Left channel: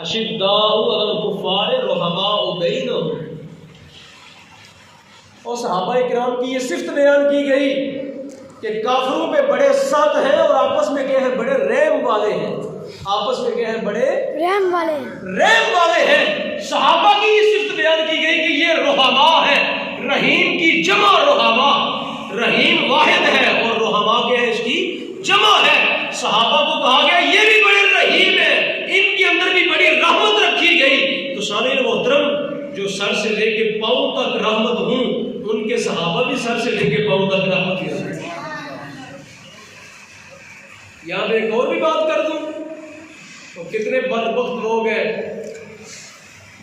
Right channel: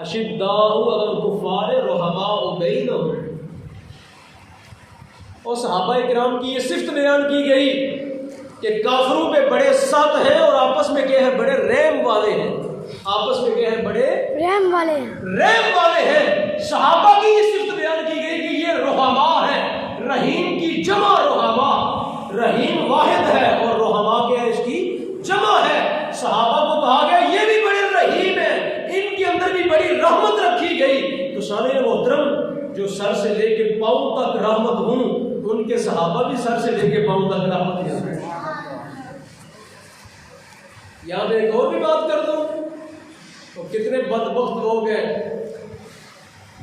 اشداء علی الکفار رحماء بینہم. اور صحابہ کرام کی یہ صفت بیان کی گئی کہ کافروں پہ بڑے سخت ہیں اور آپس میں کیا ہے بڑے رحم والے ہیں. آپس میں کیا ہے بڑے رحم والے ہیں. صحابہ کی یہ صفت بیان کی گئی کہ یہ رحماء ہے. رحیم کی جمع رحماء. رحیم واحد ہے اور رحماء کیا ہے اس کی جمع ہے. صحابہ کو کہا گیا یہ بھی بڑے رحیم ہیں, ان کے اندر بھی بڑی رحمت رکھی گئی. تو سامعین محترم, جو سر سے لے کے پاؤں تک رحمت ہوں, ان کے صحابہ بھی سر سے لے کے پاؤں تک رحمت ہوں. یہاں پہ ایک اور بھی بات کر دوں تو کتنے بدبخت لوگ ہیں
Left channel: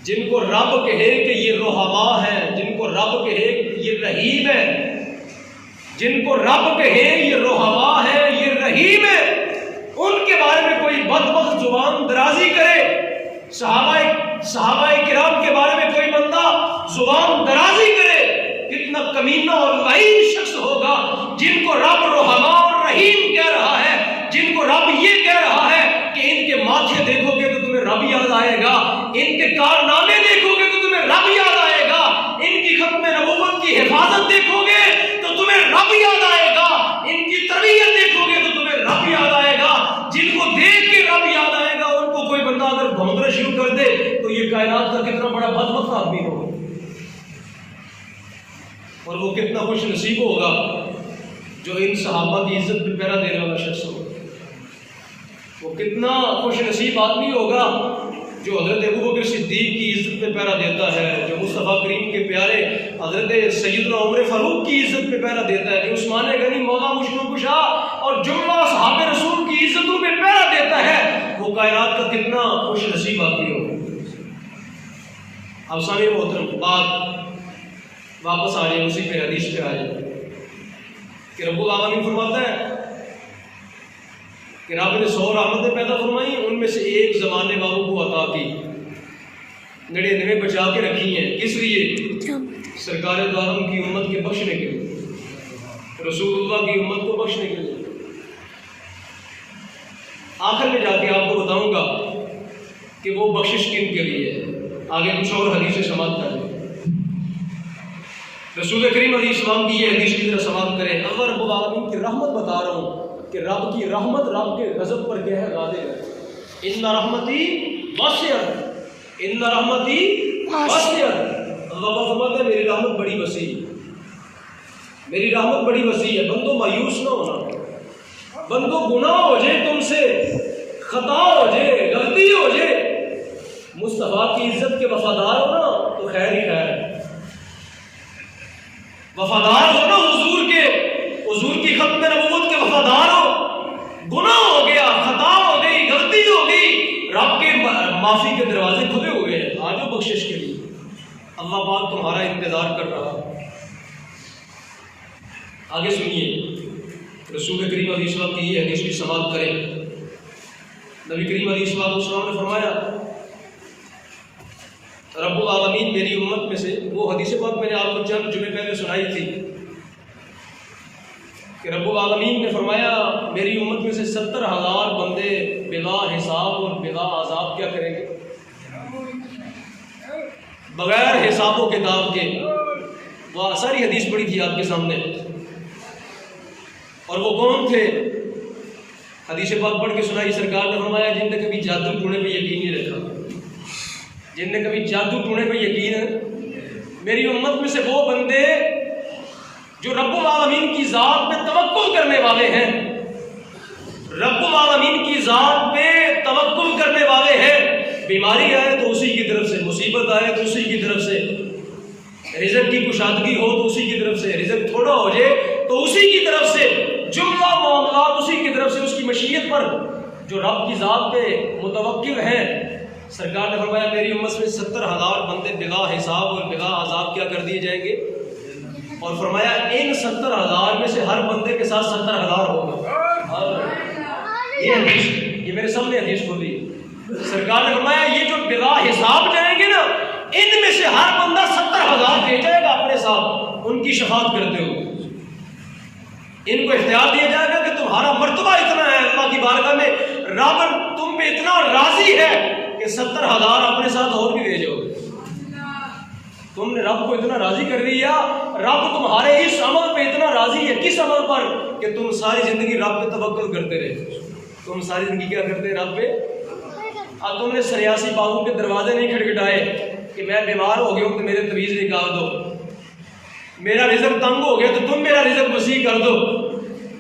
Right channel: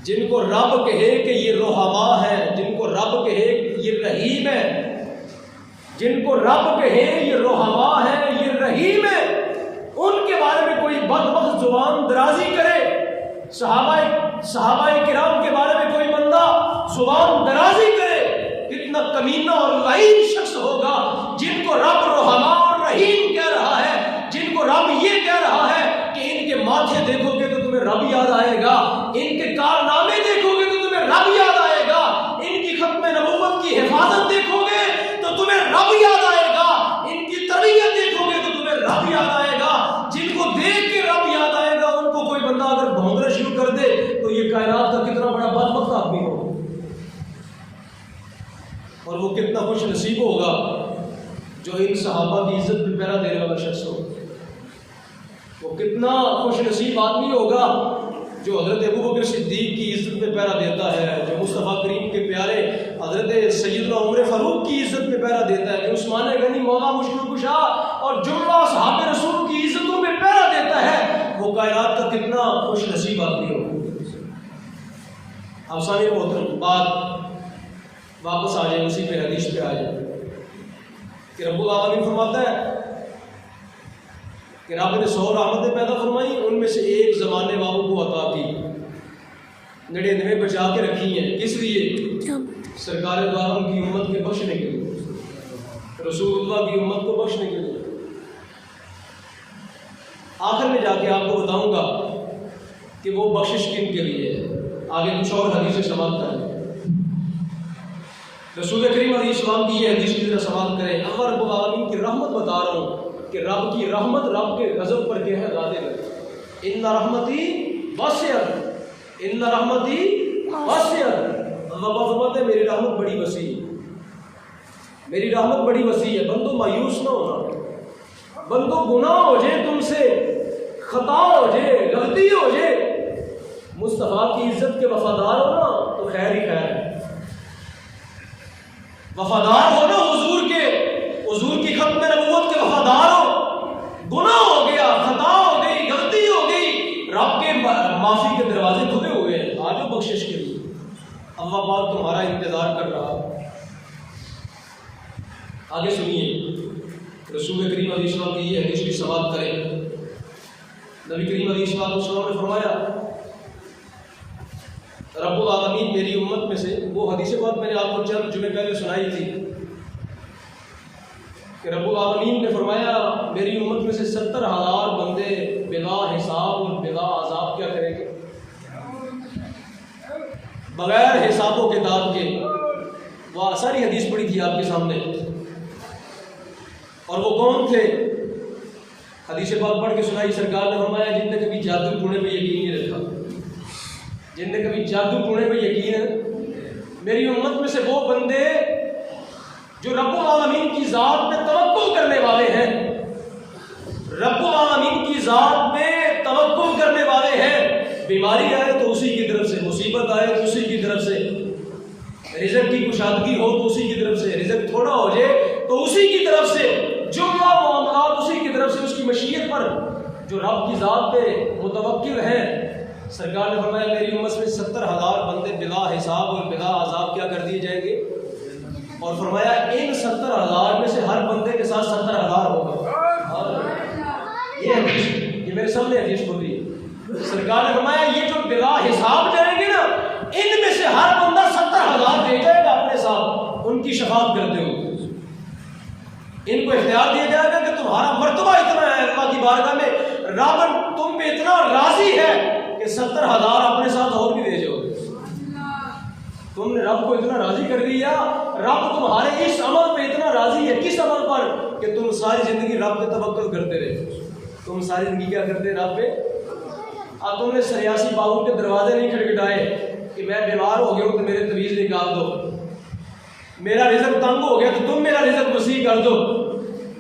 جن کو رب کہے کہ یہ رحماء ہے, جن کو رب کہے کہ یہ رحیم ہے, جن کو رب کہے یہ رحماء ہے, یہ رحیم ہے, ان کے بارے میں کوئی بدبخت زبان درازی کرے. صحابہ کرام کے بارے میں کوئی بندہ زبان درازی کرے, کتنا کمینہ اور لعین شخص ہوگا. جن کو رب رحماء اور رحیم کہہ رہا ہے, جن کو رب یہ کہہ رہا ہے کہ ان کے ماتھے دیکھو گے تو تمہیں رب یاد آئے گا, ان کے کارنامے دیکھو گے تو تمہیں رب یاد آئے گا, ان کی ختم نبوت کی حفاظت دیکھو گے تو تمہیں رب یاد آئے گا, ان کی تربیت دیکھو گے تو تمہیں رب یاد آئے گا. جن کو دیکھ کے رب یاد آئے گا ان کو کوئی بندہ اگر بھونکنا شروع کر دے تو یہ کائنات کا کتنا بڑا بدبخت آدمی ہوگا, اور وہ کتنا خوش نصیب ہوگا جو ان صحابہ کی عزت پہ پہرا دینے والا شخص ہوگا. وہ کتنا خوش نصیب آدمی ہوگا جو حضرت ابوبکر صدیق کی عزت پہ پہرا دیتا ہے, جو مصطفیٰ کریم کے پیارے حضرت سیدنا عمر فاروق کی عزت پہ پہرا دیتا ہے, جو عثمان غنی مولا مشکل کشا اور جملہ صحابہ رسول کی عزتوں پہ پہرا دیتا ہے. وہ کائنات کا کتنا خوش نصیب آدمی ہوگا. اب سامعین محترم, بات واپس آ جائے اسی پہ, حدیث پہ آ جائے کہ رب العالمین فرماتا ہے کہ رب نے 100 رحمتیں پیدا فرمائی, ان میں سے ایک زمانے والوں کو عطا کی, 99 بچا کے رکھی ہیں. کس لیے؟ سرکار دو عالم کی امت کے بخشنے کے لیے, رسول اللہ کی امت کو بخشنے کے لیے. آخر میں جا کے آپ کو بتاؤں گا کہ وہ بخشش کن کے لیے ہے. آگے کچھ اور حدیثیں سماعت کریں. رسول کریم علیہ السلام کی یہ حدیث کی طرح سماعت کریں. اللہ رب العالمین کی رحمت بتا رہا ہوں کہ رب کی رحمت رب کے غضب پر کیا ہے غالب ہے. ان رحمتی واسعۃ, ان رحمتی واسعۃ. اللہ فرماتا ہے میری رحمت بڑی وسیع ہے, میری رحمت بڑی وسیع ہے. بندوں مایوس نہ ہونا, بندوں گناہ ہو جائے, تم سے خطا ہو جائے, غلطی ہو جائے, مصطفیٰ کی عزت کے وفادار ہو نا تو خیر ہی خیر ہے. وفادار ہو نا حضور کی ختم نبوت کے وفادار ہو. گناہ ہو گیا, خطا ہو گئی, غلطی ہو گئی, رب کے معافی کے دروازے کھلے ہوئے ہیں, آ جاؤ بخشش کے لیے. اللہ پاک تمہارا انتظار کر رہا. آگے سنیے, رسول کریم علیہ السلام کی یہ حدیث بھی سماعت کریں. نبی کریم علیہ السلام نے فرمایا رب العالمین میری امت میں سے, وہ حدیث بات میں نے آپ کو چند جمعے پہلے سنائی تھی کہ رب العالمین نے فرمایا میری امت میں سے 70,000 بندے بلا حساب اور بلا عذاب کیا کریں گے, بغیر حساب و کتاب کے. وہ ساری حدیث پڑھی تھی آپ کے سامنے, اور وہ کون تھے؟ حدیث پاک پڑھ کے سنائی. سرکار نے فرمایا جن نے کبھی جادو ٹونے پہ یقین نہیں رکھا, جن نے کبھی جادو ٹونے پہ یقین ہے, میری امت میں سے وہ بندے جو رب العالمین کی ذات پہ توکل کرنے والے ہیں, رب العالمین کی ذات پہ توکل کرنے والے ہیں. بیماری آئے تو اسی کی طرف سے, مصیبت آئے تو اسی کی طرف سے, رزق کی کشادگی ہو تو اسی کی طرف سے, رزق تھوڑا ہو جائے تو اسی کی طرف سے, جملہ معاملات اسی کی طرف سے, اس کی مشیت پر جو رب کی ذات پہ متوکل ہیں. سرکار نے فرمایا میری امت میں 70,000 بندے بلا حساب اور بلا عذاب کیا کر دیے جائیں گے, اور فرمایا ان 70,000 میں سے ہر بندے کے ساتھ 70,000 ہوگا. یہ حدیث, یہ میرے سامنے حدیث کھولی ہے. سرکار نے فرمایا یہ جو بلا حساب جائیں گے نا, ان میں سے ہر بندہ 70,000 لے جائے گا اپنے ساتھ ان کی شفاعت کرتے ہوئے. ان کو اختیار دیا جائے گا کہ تمہارا مرتبہ اتنا ہے اللہ کی بارگاہ میں, رب تم پہ اتنا راضی ہے کہ کہ 70,000 اپنے ساتھ اور بھی بھیجو. تم نے رب کو اتنا راضی کر دیا. رب تمہارے اس عمل پہ اتنا راضی ہے. کس عمل پر؟ کہ تم ساری زندگی رب پہ توکل کرتے رہے. تم ساری زندگی کیا کرتے رب پہ. اب تم نے سریاسی بابو کے دروازے نہیں کھٹکھٹائے کہ میں بیمار ہو گیا ہوں تو میرے طویز نکال دو. میرا رزق تنگ ہو گیا تو تم میرا رزق وسیع کر دو.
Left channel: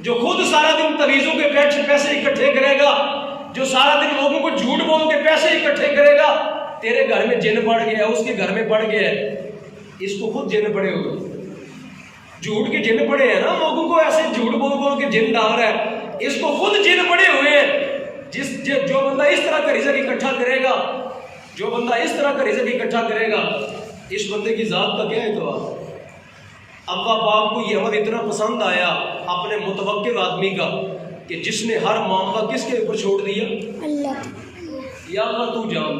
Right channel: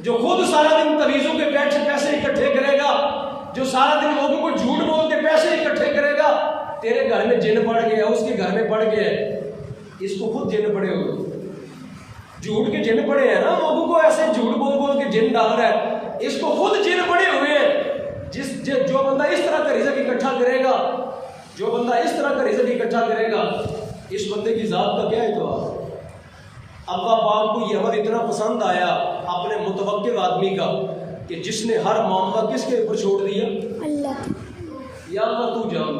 جو خود سارا دن طویزوں کے پیسے اکٹھے کرے گا, جو سارا دن لوگوں کو جھوٹ بول کے پیسے اکٹھے کرے گا, تیرے گھر میں جن پڑ گیا, اس کے گھر میں پڑ گیا ہے, اس کو خود جن پڑے ہوئے, جھوٹ کے جن پڑے ہیں نا, لوگوں کو ایسے جھوٹ بول کے جن ڈال رہا ہے, اس کو خود جن پڑے ہوئے ہیں. جو بندہ اس طرح کا رزق اکٹھا کرے گا, جو بندہ اس طرح کا رزق اکٹھا کرے گا, اس بندے کی ذات کا کیا اعتبار. اللہ پاک کو یہ عمل اتنا پسند آیا اپنے متوکل آدمی کا کہ جس نے ہر معاملہ کس کے اوپر چھوڑ دیا, اللہ. یا اللہ تو جان,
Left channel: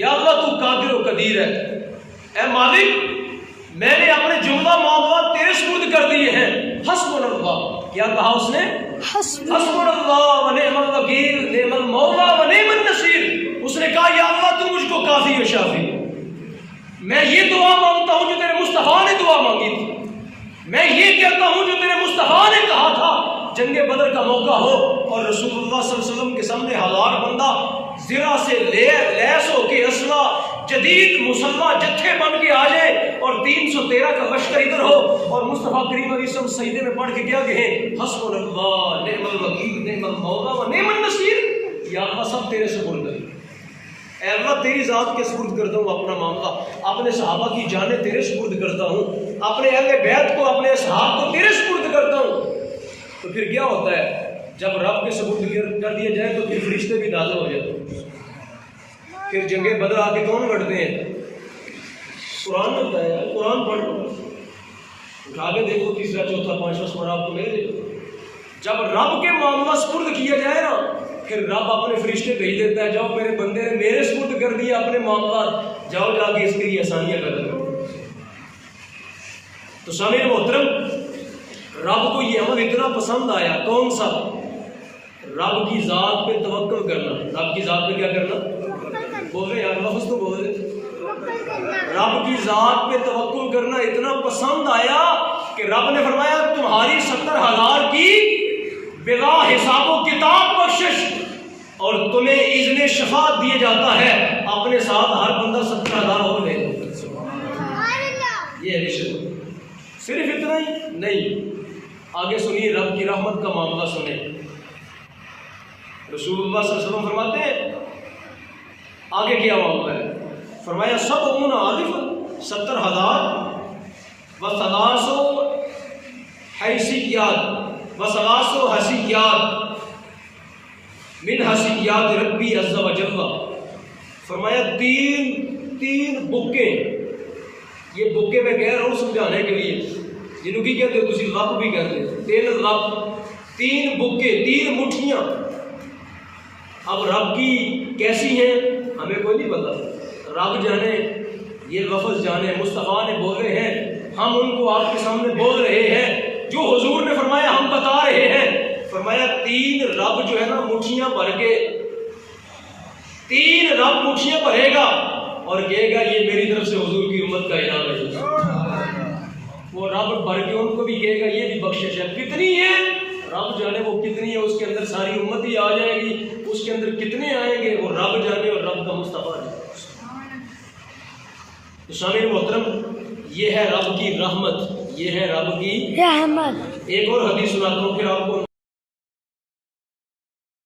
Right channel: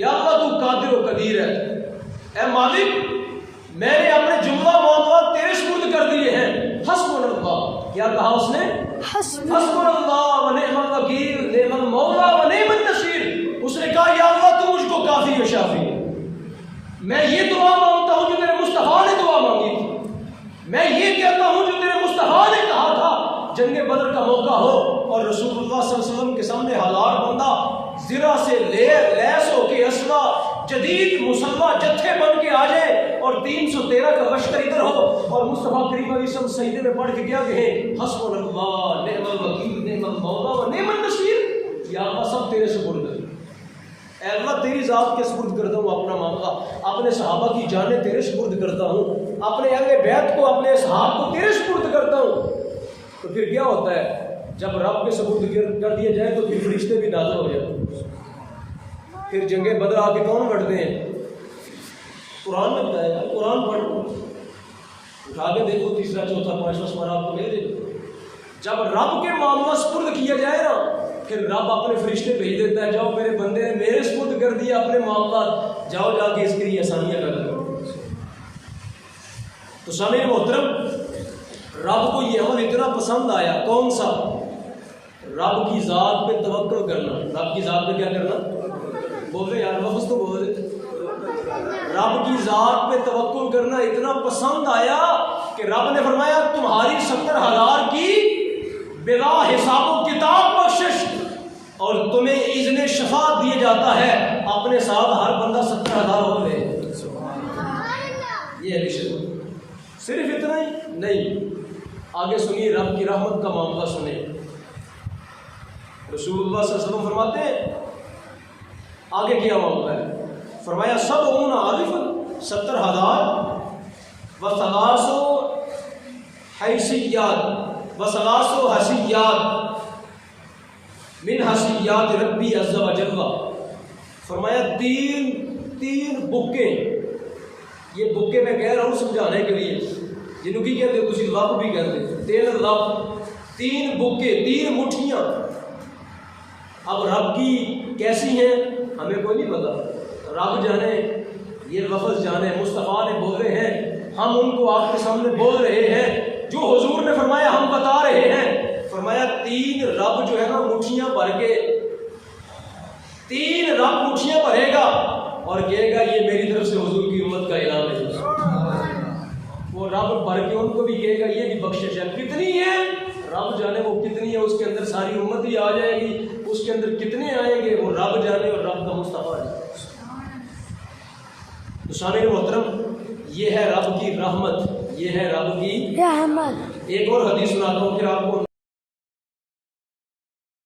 یا اللہ تو قادر و قدیر ہے. اے مالک, میں نے اپنے جملہ معاملات تیرے سپرد کر دیے ہیں. حسبنا اللہ, کیا کہا اس نے؟ حسبنا اللہ و نعم الوکیل, نعم المولا و نعم النصیر. اس نے کہا یا اللہ تو مجھ کو کافی و شافی. میں یہ دعا مانگتا ہوں جو تیرے مصطفیٰ نے دعا مانگی تھی. میں یہ کہتا ہوں جو تیرے مصطفیٰ نے کہا تھا. جنگ بدر کا موقع ہو اور رسول اللہ صلی اللہ علیہ وسلم کے سامنے 1000 بندہ زرہ سے لیس ہو کے اسلحہ جدید مسلح جتھے بن کے آ جائے اور 313 کا لشکر ادھر ہو اور مصطفیٰ کریم علیہ السلام سجدے میں پڑھ کے کیا کہیں؟ حسبنا اللہ نعم الوکیل نعم المولا و نعم النصیر. یا اللہ سب تیرے سپرد ہے. اے اللہ تیری ذات کے سپرد کرتا ہوں اپنا معاملہ, اپنے صحابہ کی جانیں تیرے سپرد کرتا ہوں, اپنے اہل بیت کو, اپنے اصحاب کو تیرے سپرد کرتا ہوں. تو پھر کیا ہوتا ہے جب رب کے سپرد کر دیا جائے تو پھر فرشتے بھی نازل ہو جاتے ہیں. پھر جنگ بدر آ کے کون لڑتے ہیں؟ قرآن نے بتایا. قرآن پڑھو, اٹھا کے دیکھو, تیسرا چوتھا پانچواں سپارہ آپ کو ملے گا. جب رب کے معاملہ سپرد کیا جائے نا, پھر رب اپنے فرشتے بھیج دیتا ہے, جاؤ میرے بندے نے میرے سپرد کر دیا اپنے معاملات, جاؤ جا کے اس کے لیے آسانیاں پیدا کرو. تو سامعین محترم, رب کو یہ عمل اتنا پسند آیا. کون سا؟ رب کی ذات پہ توکل کرنا. رب کی ذات پہ کیا کرنا؟ بول رہے یار, لفظ تو بول رہے. رب کی ذات پہ توکل کرنا اتنا پسند آیا کہ رب نے فرمایا تمہاری 70,000 کی بلا حساب و کتاب بخشش اور تمہیں اذن شفاعت دیا جاتا ہے. اپنے ساتھ ہر بندہ 70,000 اور لے. یہ حدیث صرف اتنا ہی نہیں, آگے سنیے رب کی رحمت کا معاملہ سنیں. رسول اللہ صلی اللہ علیہ وسلم فرماتے ہیں آگے کیا معاملہ ہے. فرمایا 70,000 و 300 حیثیات و 300 حسیات من حسیات ربی عز و جل. فرمایا تین بکے. یہ بکے میں کہہ رہا ہوں سمجھانے کے لیے, جنہوں کی کہتے ہو تسی لب بھی کہتے ہیں, 3 لب, 3 بکے, 3 مٹھیاں. اب رب کی کیسی ہیں ہمیں کوئی نہیں پتا. رب جانے, یہ لفظ جانے. مصطفیٰ نے بولے ہیں, ہم ان کو آپ کے سامنے بول رہے ہیں. جو حضور نے فرمایا ہم بتا رہے ہیں. فرمایا 3 رب جو ہے نا مٹھیاں بھر کے, 3 رب مٹھیاں بھرے گا اور کہے گا یہ میری طرف سے حضور کی امت کا انعام ہے. وہ رب بھر کے ان کو بھی کہے گا یہ بھی بخشش ہے. کتنی ہے رب جانے, وہ کتنی ہے. اس کے اندر ساری امت ہی آ جائے گی. اس کے اندر کتنے آئیں گے وہ رب جانے اور رب کا مصطفیٰ جانے. تو سامعین محترم, یہ ہے رب کی رحمت, یہ ہے رب کی رحمت. ایک اور حدیث سناتا ہوں پھر آپ کو